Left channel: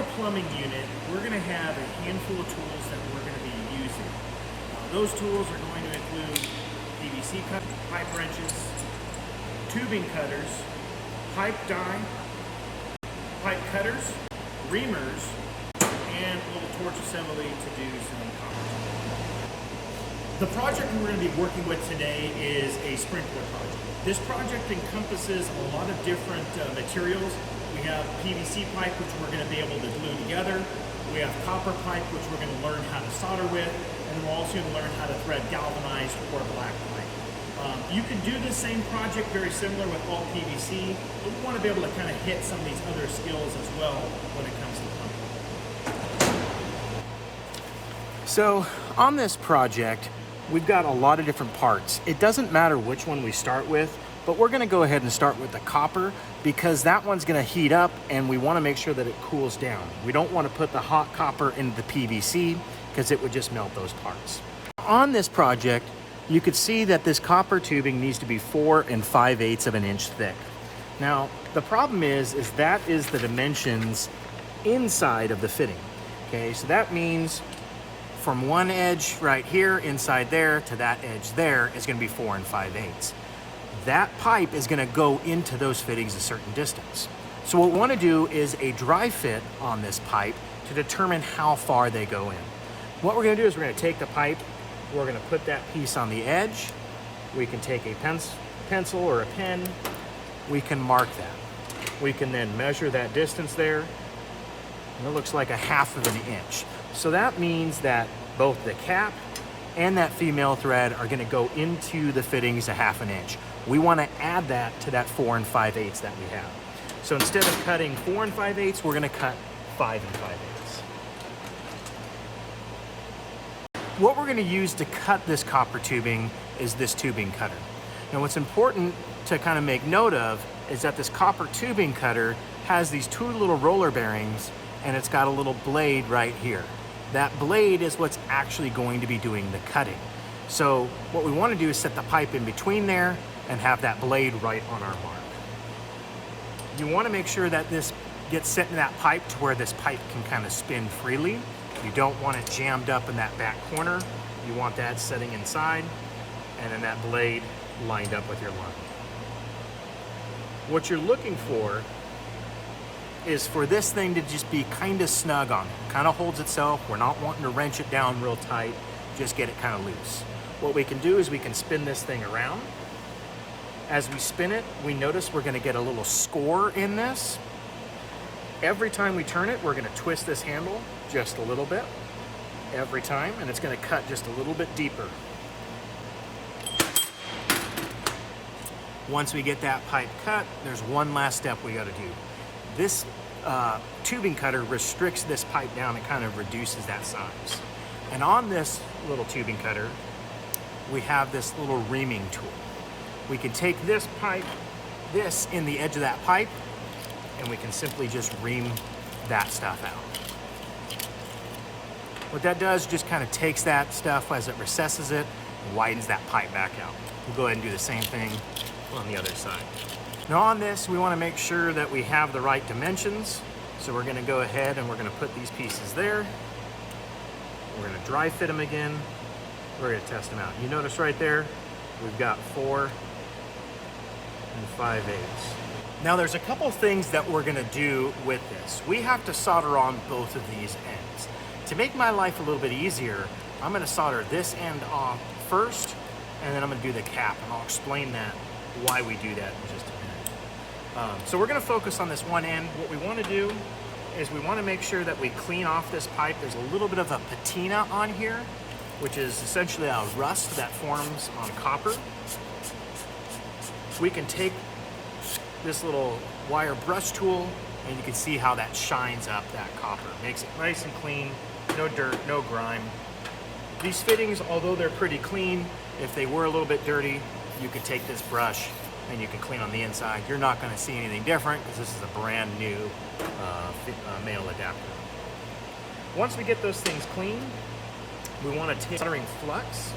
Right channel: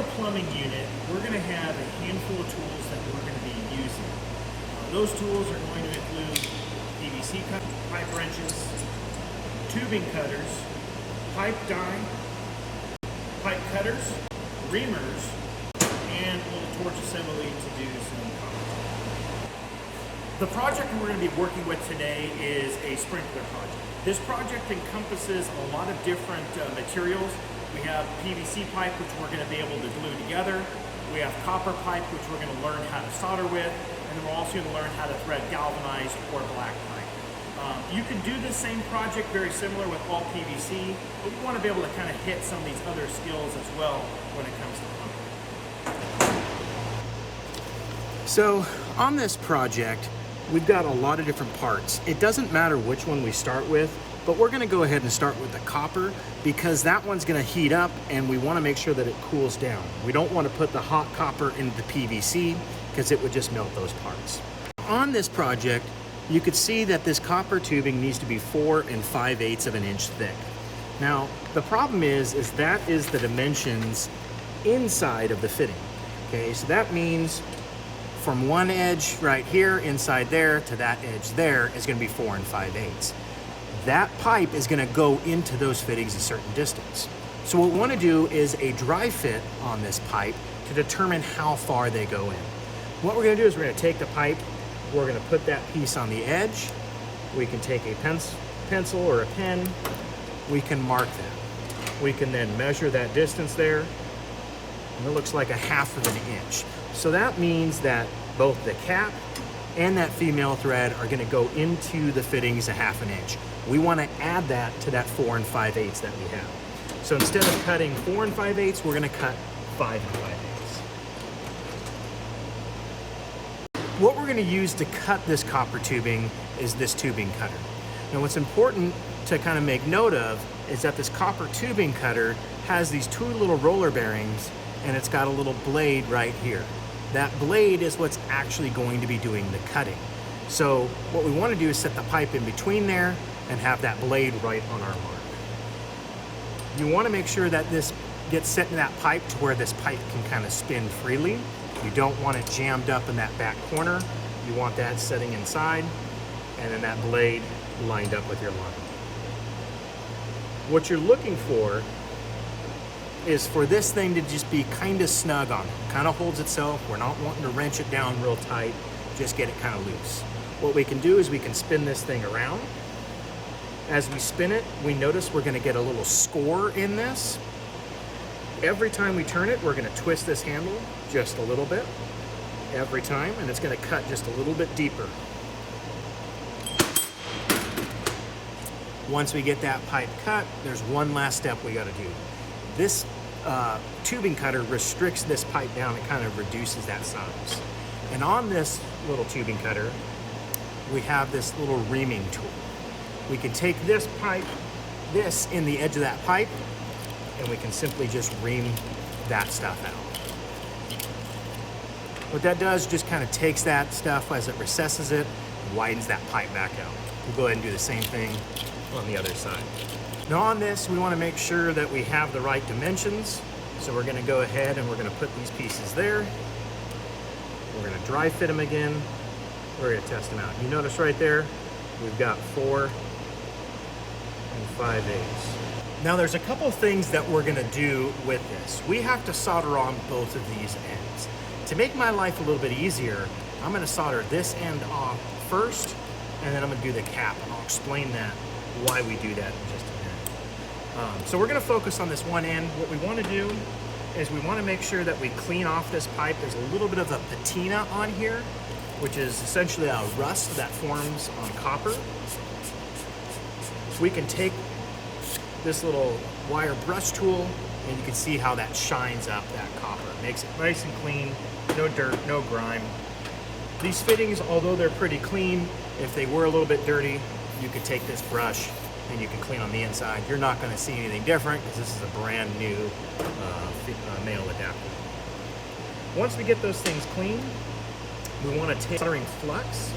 our plumbing unit, we're going to have a handful of tools that we're going to be using. Those tools are going to include PVC cut, pipe wrenches, tubing cutters, pipe die, pipe cutters, reamers, and a little torch assembly to do some copper. The project we're going to be working with today is a sprinkler project. This project encompasses a lot of different materials. We have PVC pipe, which we're going to be able to glue together. We have copper pipe, which we're going to learn how to solder with. And then we're also going to learn how to thread galvanized or black pipe. You can do this same project very similar with all PVC, but we want to be able to kind of hit some of these other skills as well when it comes to plumbing. So on this project, we've got a lot of different parts. It doesn't matter which one we start with, but we're gonna go ahead and start with the copper because that one's gonna heat up and we wanna make sure that it cools down. We don't wanna put the hot copper into the PVC because it would just melt those parts. On this project, you could see that this copper tubing needs to be 4 5/8 of an inch thick. Now, the problem is that is the dimensions inside of the fitting. Okay, so that means from one edge right here inside there to that edge there is going to be 4 5/8. That pipe is going to go into those fittings a certain distance. So what we want to do is a dry fit on this pipe to determine how far they go in. What we're going to do is we're going to take the pipe, we're going to put that piece on the edge. We can take a pencil or a pen, we can mark that. We can then measure that distance there, and it looks like a 1/2 of an inch. So that means that both the cap and that female thread are going to go into the fittings a 1/2 an inch. We want to add that to that 4 5/8 that we have. So instead of cutting 4 5/8, we're going to cut 5 5/8. What we're going to use to cut this copper tubing is this tubing cutter. Now what's important to kind of make note of is that this copper tubing cutter has these 2 little roller bearings and it's got a little blade right here. That blade is what's actually going to be doing the cutting. So what we want to do is set the pipe in between there and have that blade right on our mark. You want to make sure that this gets set in that pipe to where this pipe can kind of spin freely. You don't want it jammed up in that back corner. You want that setting inside and then that blade lined up with your line. What you're looking for is for this thing to just be kind of snug on it. Kind of holds itself. We're not wanting to wrench it down real tight, just get it kind of loose. What we can do is we can spin this thing around. As we spin it, we notice we're going to get a little score in this. Every time we turn it, we're going to twist this handle just a little bit every time, and it's going to cut just a little bit deeper. Once we get that pipe cut, there's one last step we got to do. This tubing cutter restricts this pipe down and kind of reduces that size. And on this little tubing cutter, we have this little reaming tool. We can take this pipe, this in the edge of that pipe, and we can simply just ream that stuff out. What that does just kind of takes that stuff as it recesses it, and widens that pipe back out. We'll go ahead and do the same thing on the other side. Now on this, we want to make sure that we have the right dimensions. So we're going to go ahead and we're going to put these pieces there. We're going to dry fit them again. We're going to test them out. You notice right there, we've got 4 5/8. Now there's a couple of things that we're going to do with this. We have to solder on both of these ends. To make my life a little bit easier, I'm going to solder this end off first, and then I'm going to do the cap, and I'll explain that, why we do that in just a minute. So we're going to focus on this one end. What we want to do is we want to make sure that we clean off this pipe. There's a little bit of a patina on here, which is essentially a rust that forms on copper. We can take this little wire brush tool and you can see how that shines up that copper. It makes it nice and clean, no dirt, no grime. These fittings, although they're pretty clean, if they were a little bit dirty, you could take this brush and you can clean on the inside. You're not going to see anything different because this is a brand new male adapter. Once we get those things clean, we want to take soldering flux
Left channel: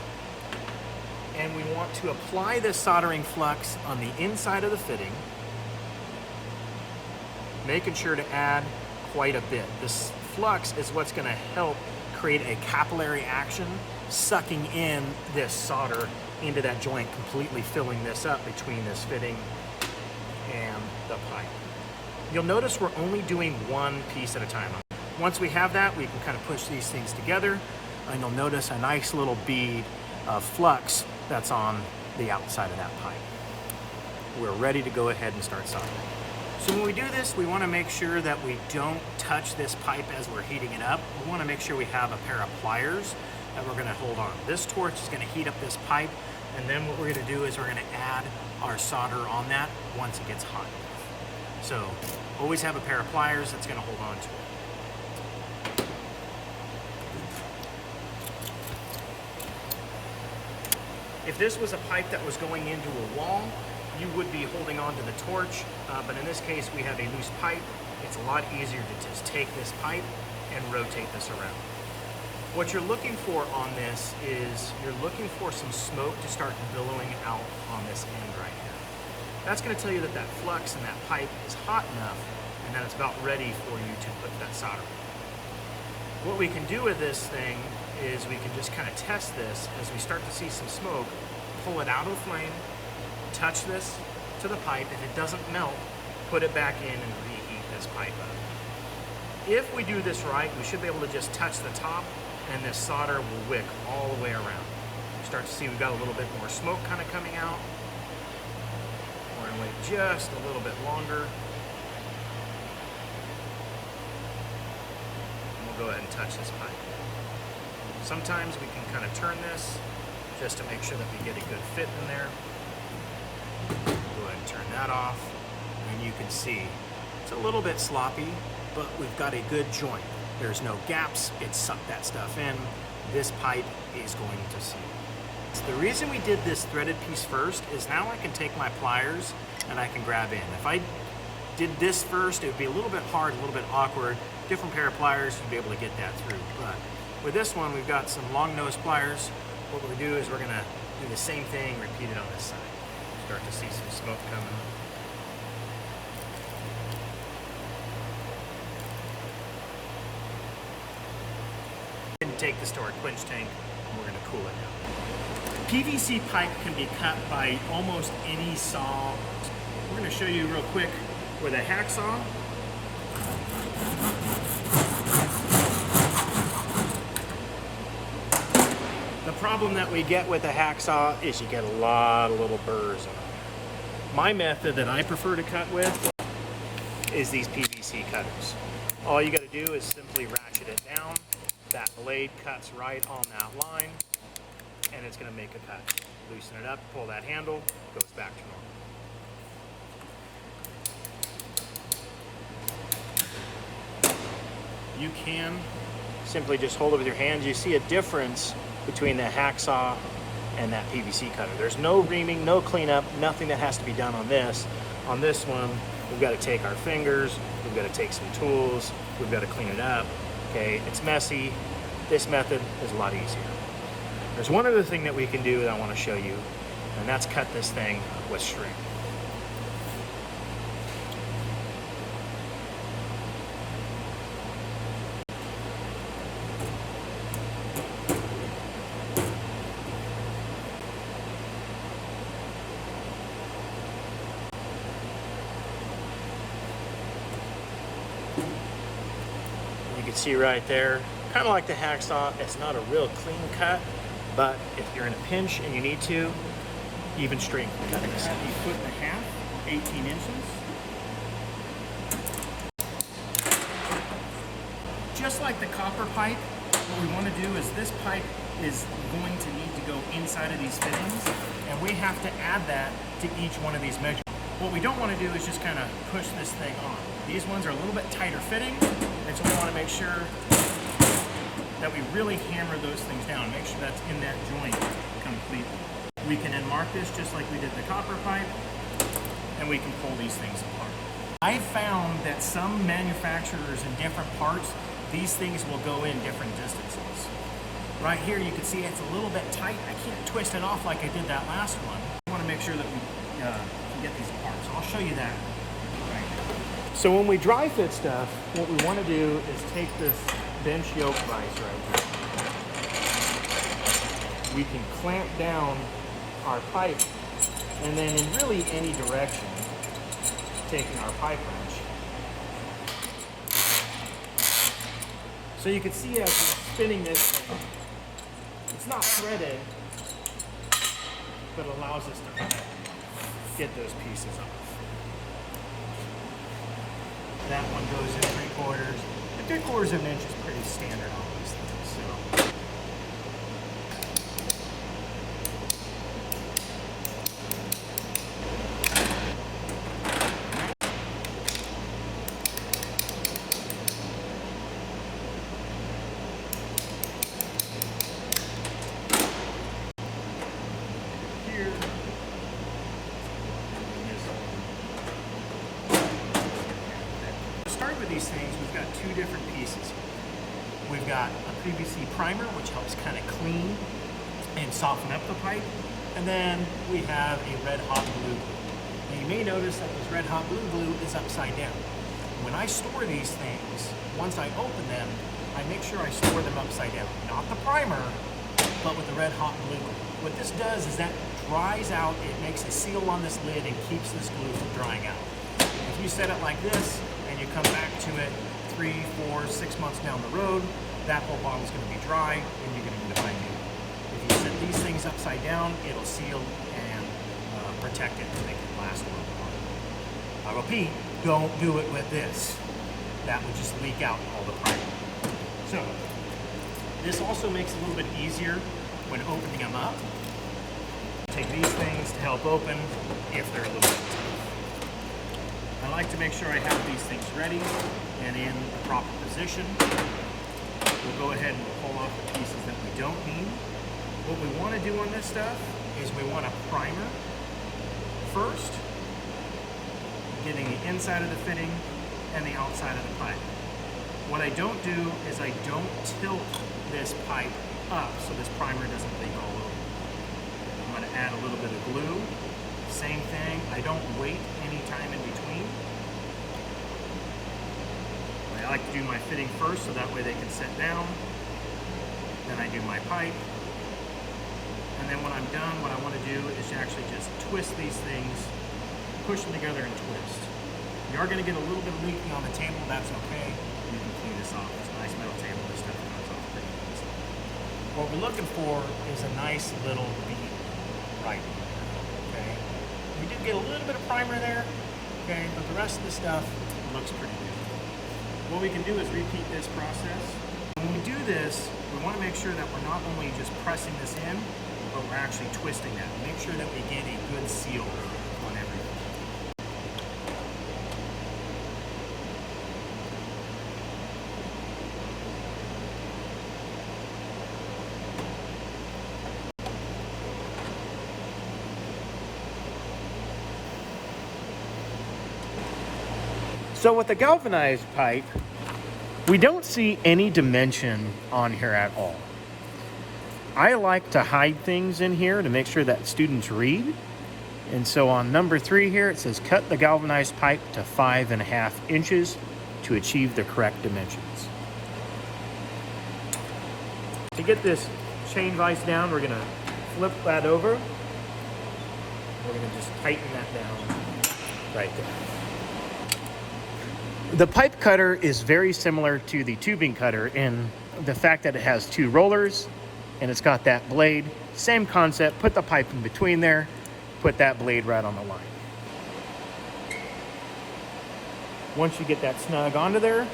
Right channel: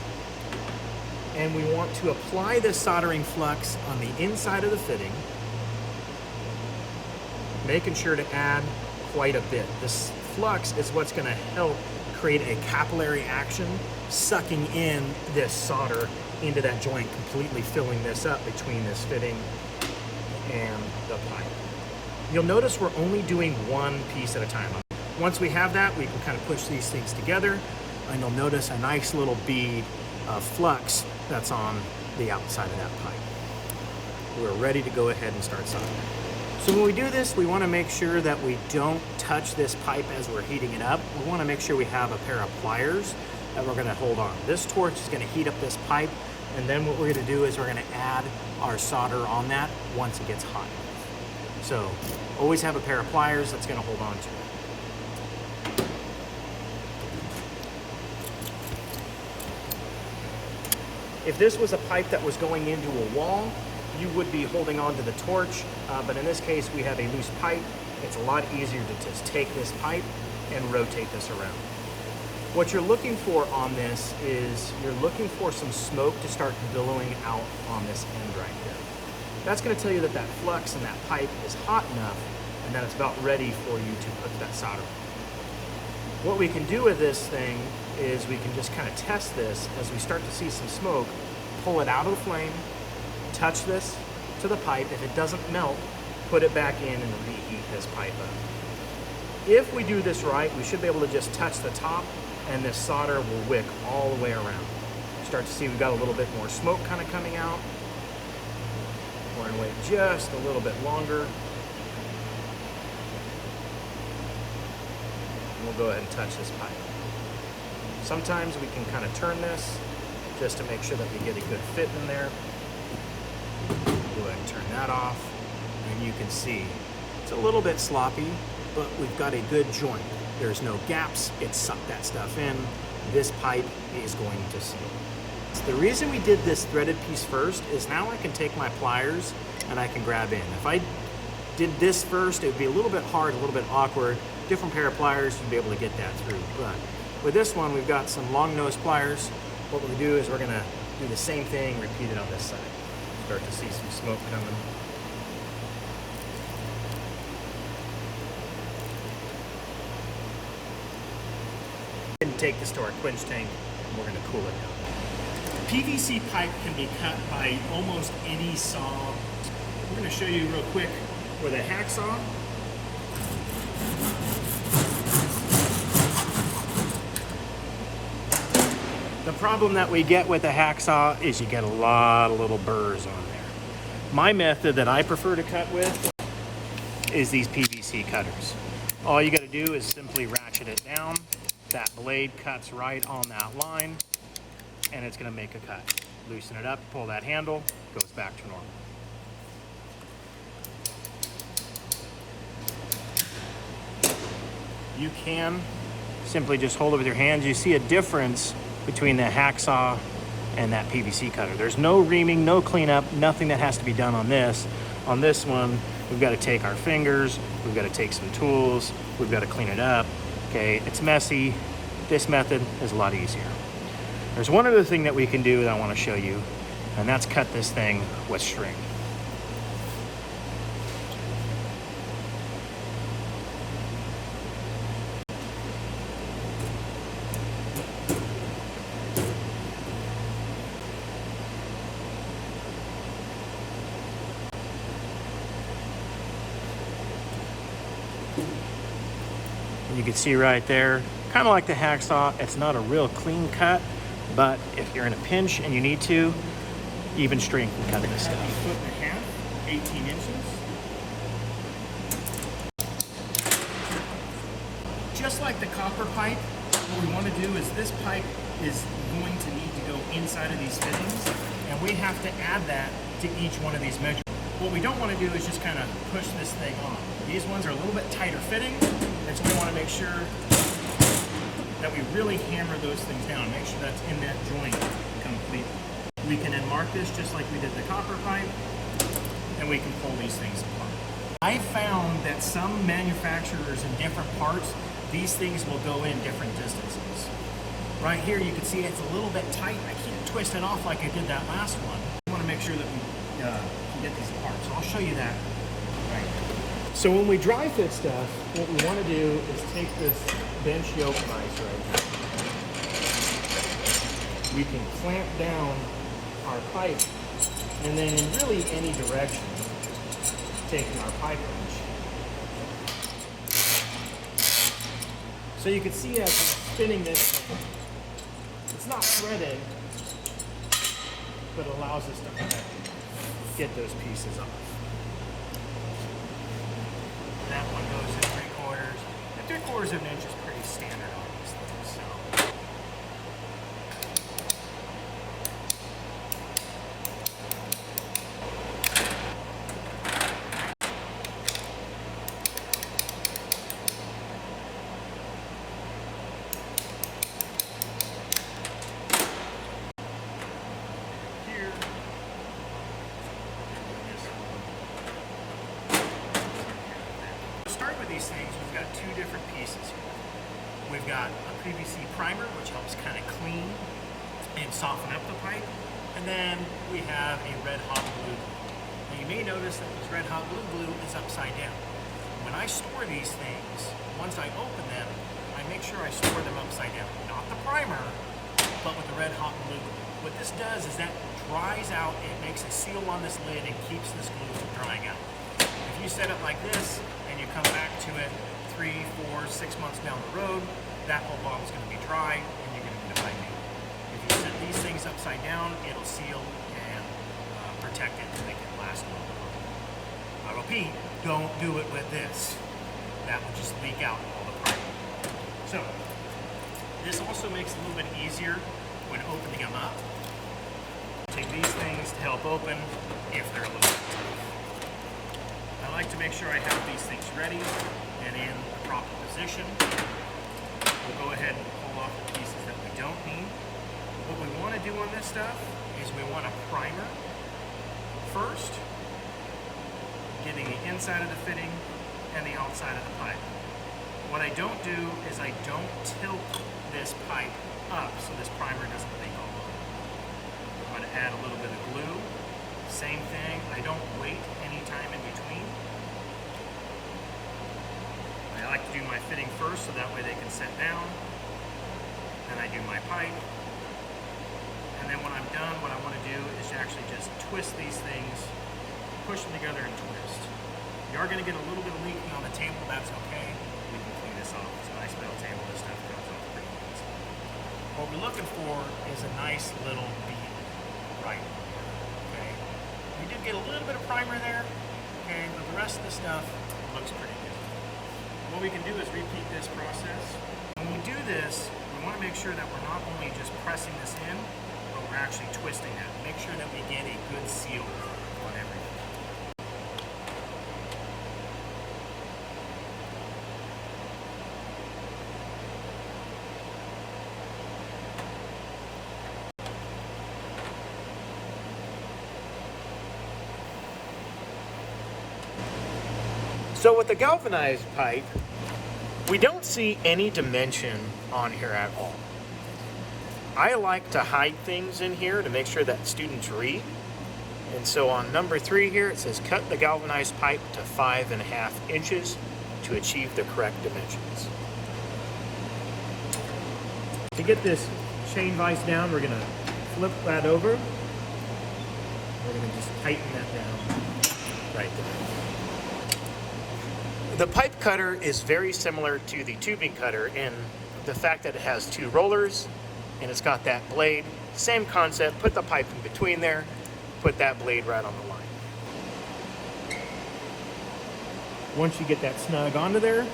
and we want to apply this soldering flux on the inside of the fitting, making sure to add quite a bit. This flux is what's going to help create a capillary action, sucking in this solder into that joint, completely filling this up between this fitting and the pipe. You'll notice we're only doing one piece at a time. Once we have that, we can kind of push these things together, and you'll notice a nice little bead of flux that's on the outside of that pipe. We're ready to go ahead and start soldering. So when we do this, we want to make sure that we don't touch this pipe as we're heating it up. We want to make sure we have a pair of pliers that we're going to hold on. This torch is going to heat up this pipe, and then what we're going to do is we're going to add our solder on that once it gets hot. So always have a pair of pliers that's going to hold on to it. If this was a pipe that was going into a wall, you would be holding on to the torch, but in this case we have a loose pipe. It's a lot easier to just take this pipe and rotate this around. What you're looking for on this is you're looking for some smoke to start billowing out on this end right here. That's going to tell you that that flux in that pipe is hot enough and that it's about ready for you to put that solder on. What we can do with this thing is we can just kind of test this as we start to see some smoke, pull it out of the flame, touch this to the pipe. If it doesn't melt, put it back in and reheat this pipe up. If we do this right, we should be able to just touch the top and this solder will wick all the way around. Start to see we've got a little bit more smoke kind of coming out. We're going to wait just a little bit longer. And we'll go ahead and touch this pipe. Sometimes we can kind of turn this just to make sure that we get a good fit in there. Go ahead and turn that off. And you can see it's a little bit sloppy, but we've got a good joint. There's no gaps. It sucked that stuff in. This pipe is going to seal. The reason we did this threaded piece first is now I can take my pliers and I can grab in. If I did this first, it would be a little bit hard, a little bit awkward. Different pair of pliers, you'd be able to get that through. But with this one, we've got some long nose pliers. What we're gonna do is we're gonna do the same thing, repeat it on this side. Start to see some smoke coming. And take this to our quench tank, and we're gonna cool it down. PVC pipe can be cut by almost any saw. We're gonna show you real quick with a hacksaw. The problem that we get with a hacksaw is you get a lot of little burrs on it. My method that I prefer to cut with is these PVC cutters. All you gotta do is simply ratchet it down. That blade cuts right on that line, and it's gonna make a cut. Loosen it up, pull that handle, goes back to normal. You can simply just hold it with your hands. You see a difference between the hacksaw and that PVC cutter. There's no reaming, no cleanup, nothing that has to be done on this. On this one, we've got to take our fingers, we've got to take some tools, we've got to clean it up. Okay, it's messy. This method is a lot easier. There's one other thing that we can do that I want to show you, and that's cut this thing with string. You can see right there, kind of like the hacksaw, it's not a real clean cut, but if you're in a pinch and you need to, even string can cut this. Cut a foot and a half, 18 inches. Just like the copper pipe, what we want to do is this pipe is going to need to go inside of these fittings, and we have to add that to each one of these measurements. What we don't want to do is just kind of push this thing on. These ones are a little bit tighter fitting, and so we want to make sure that we really hammer those things down, make sure that's in that joint completely. We can then mark this just like we did the copper pipe, and we can pull these things apart. I found that some manufacturers in different parts, these things will go in different distances. Right here you can see it's a little bit tight. I can't twist it off like I did that last one. I want to make sure that we can get these apart. So I'll show you that right now. So when we dry fit stuff, what we want to do is take this bench yoke vise right here. We can clamp down our pipe, and then in really any direction, taking our pipe wrench. So you can see as we're spinning this thing, it's not threaded, but it allows us to kind of get those pieces off. That one goes in 3/4. And 3/4 of an inch is pretty standard on these things. So. Here. Start with these things, we've got two different pieces here. We've got a PVC primer, which helps kind of clean and soften up the pipe. And then we have a red hot blue glue. Now you may notice that this red hot blue glue is upside down. When I store these things, once I open them, I make sure I store them upside down. Not the primer, but with the red hot blue glue. What this does is that dries out, it makes a seal on this lid and keeps this glue from drying out. If you set it like this, and you come back to it 3, 4, 6 months down the road, that whole bottle is going to be dry and you're going to need to buy new. If you set these things upside down, it'll seal and protect it and make it last a little bit longer. I repeat, don't do it with this. That would just leak out all the primer. So, this also makes it a little bit easier when opening them up. Take these things to help open if they're a little bit tough. I like to make sure I have these things ready and in the proper position. We'll go ahead and pull off the pieces that we don't need. What we want to do on this stuff is we want a primer first, getting the inside of the fitting and the outside of the pipe. What I don't do is I don't tilt this pipe up so this primer doesn't leak all over. I'm going to add a little bit of glue. Same thing, I don't wait any time in between. I like to do my fitting first so that way they can set down. Then I do my pipe. And then when I'm done, what I want to do is actually just twist these things, push them together and twist. You are going to get a little bit of leaking on the table, that's okay. We can clean this off. It's a nice metal table, this stuff comes off pretty easy. What we're looking for is a nice little bead right in here, okay? We did get a little bit of primer there, okay, but the rest of the stuff looks pretty good. What we can do is repeat this process. When we do this, we want to make sure that we're not only just pressing this in, but we're actually twisting that. Make sure that we get a good seal on everything. So with the galvanized pipe, we don't see any dimension on here at all. I like to hide things in here to make sure that students read. And so on number 3 here, it says cut the galvanized pipe to 5.5 inches to achieve the correct dimensions. To get this chain vise down, we're gonna flip that over. We're gonna just tighten that down right there. The pipe cutter is very similar to the tubing cutter in the fact that it has 2 rollers and it's got that blade. Same concept, put the pipe in between there, put that blade right on the line. Once you get that snug onto there,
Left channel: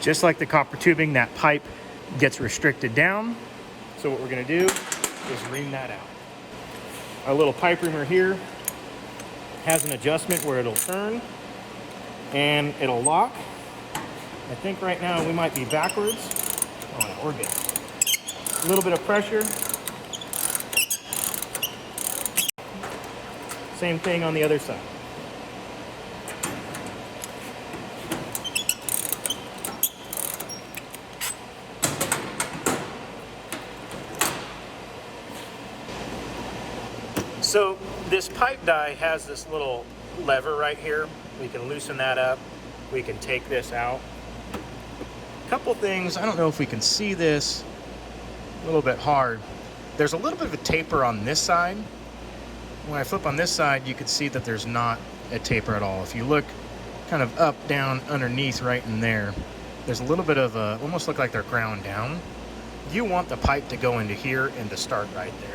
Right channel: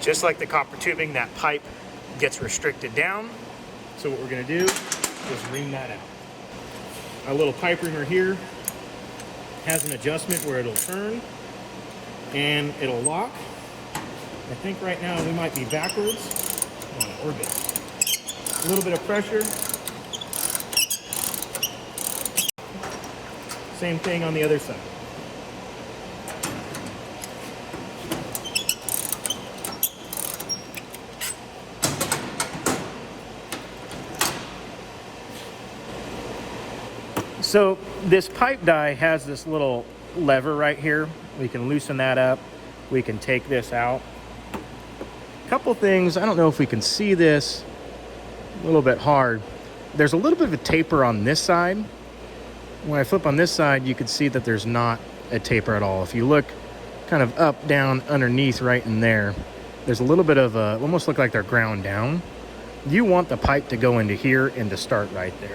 just like the copper tubing, that pipe gets restricted down. So what we're gonna do is ream that out. Our little pipe reamer here has an adjustment where it'll turn and it'll lock. I think right now we might be backwards. Oh, or this. A little bit of pressure. Same thing on the other side. So this pipe die has this little lever right here. We can loosen that up. We can take this out. A couple things, I don't know if we can see this, a little bit hard. There's a little bit of a taper on this side. When I flip on this side, you can see that there's not a taper at all. If you look kind of up, down, underneath, right in there, there's a little bit of a, almost look like they're ground down. You want the pipe to go into here and to start right there.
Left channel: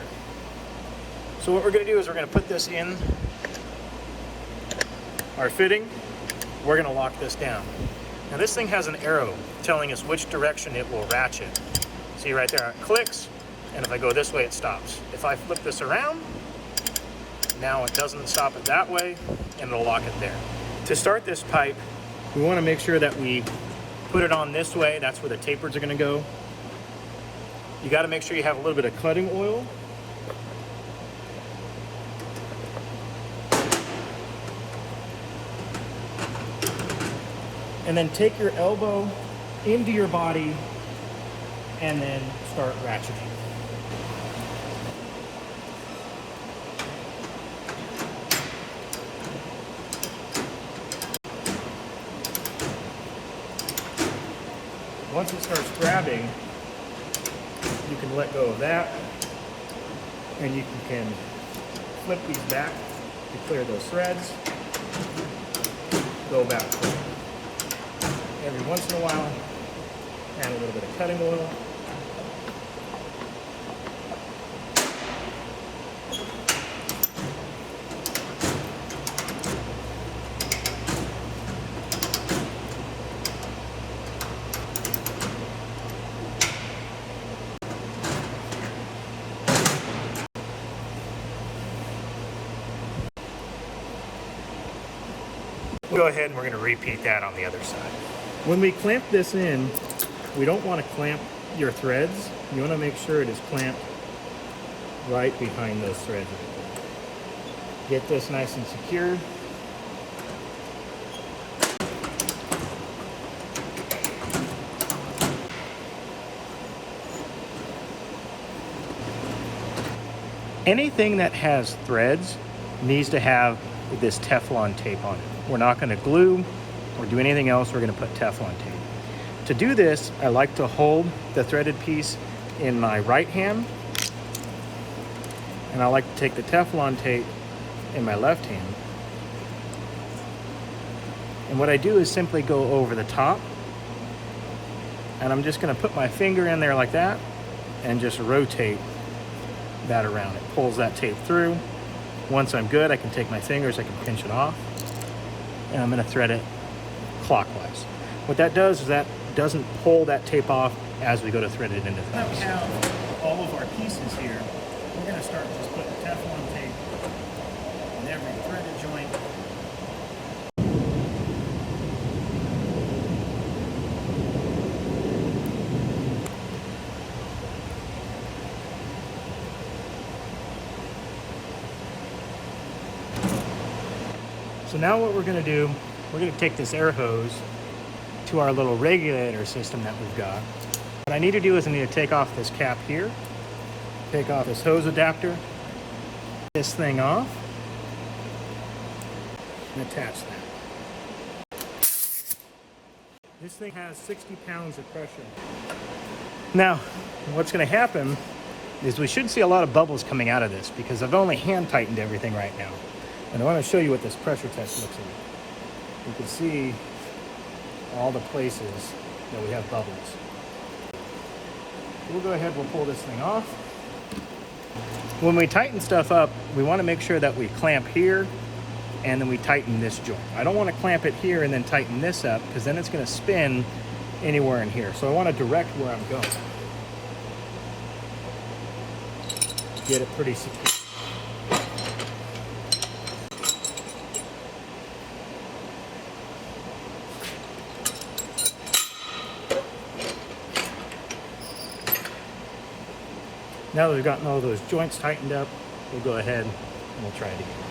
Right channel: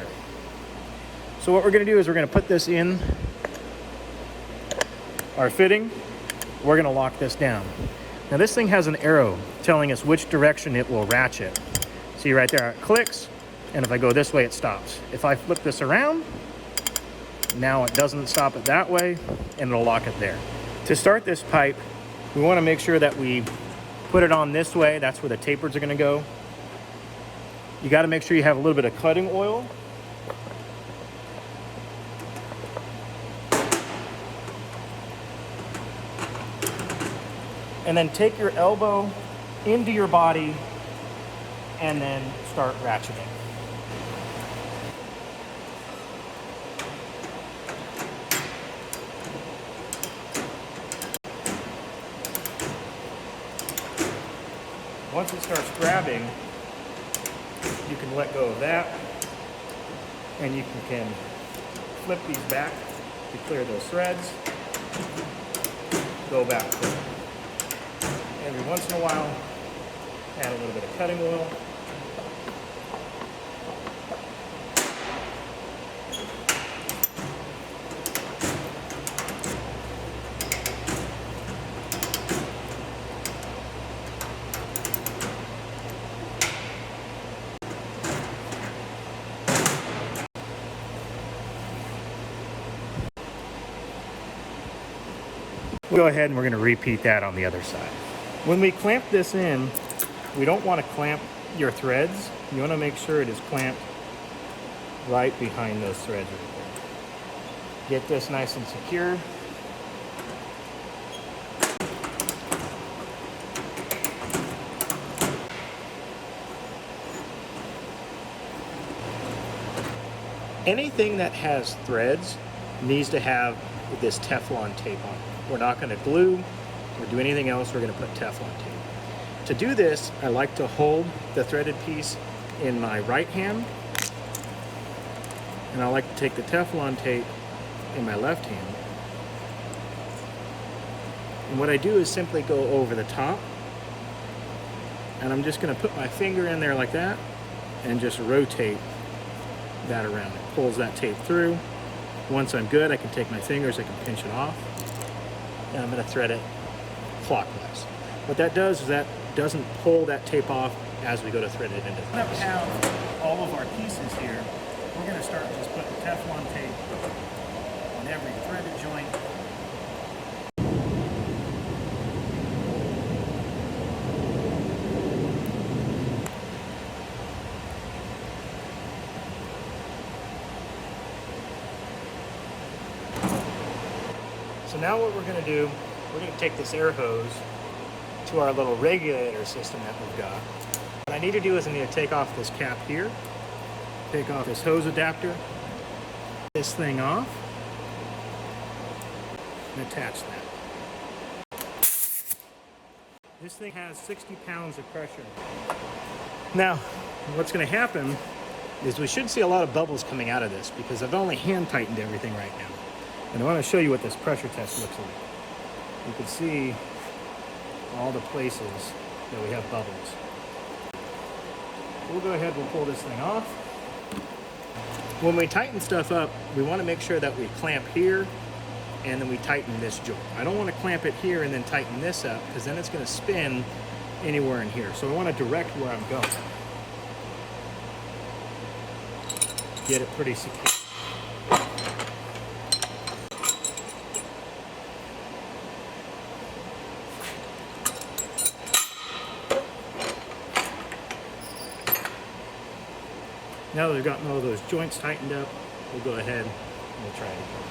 So what we're gonna do is we're gonna put this in our fitting. We're gonna lock this down. Now this thing has an arrow telling us which direction it will ratchet. See right there, it clicks, and if I go this way, it stops. If I flip this around, now it doesn't stop it that way, and it'll lock it there. To start this pipe, we wanna make sure that we put it on this way. That's where the tapers are gonna go. You gotta make sure you have a little bit of cutting oil. And then take your elbow into your body and then start ratcheting. Once it starts grabbing, you can let go of that and you can flip these back to clear those threads. Go back forward. Every once in a while, add a little bit of cutting oil. Go ahead and we're going to repeat that on the other side. When we clamp this in, we don't want to clamp your threads. You want to make sure it is clamped right behind those threads. Get this nice and secure. Anything that has threads needs to have this Teflon tape on it. We're not going to glue or do anything else. We're going to put Teflon tape. To do this, I like to hold the threaded piece in my right hand, and I like to take the Teflon tape in my left hand. And what I do is simply go over the top, and I'm just going to put my finger in there like that and just rotate that around. It pulls that tape through. Once I'm good, I can take my fingers, I can pinch it off, and I'm going to thread it clockwise. What that does is that doesn't pull that tape off as we go to thread it into the Now we have all of our pieces here. We're going to start just putting Teflon tape on every threaded joint. So now what we're going to do, we're going to take this air hose to our little regulator system that we've got. What I need to do is I need to take off this cap here, take off this hose adapter, this thing off, and attach that. This thing has 60 pounds of pressure. Now, what's going to happen is we should see a lot of bubbles coming out of this because I've only hand tightened everything right now. And I want to show you what this pressure test looks like. You can see all the places that we have bubbles. We'll go ahead, we'll pull this thing off. When we tighten stuff up, we want to make sure that we clamp here and then we tighten this joint. I don't want to clamp it here and then tighten this up because then it's going to spin anywhere in here. So I want to direct where I'm going. Get it pretty secure. Now that we've gotten all those joints tightened up, we'll go ahead and we'll try it again.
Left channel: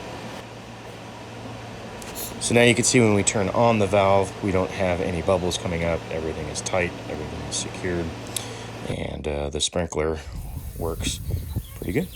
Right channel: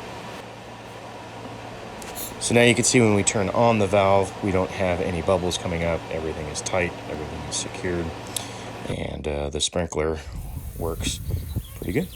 So now you can see when we turn on the valve, we don't have any bubbles coming up. Everything is tight, everything is secured, and the sprinkler works pretty good.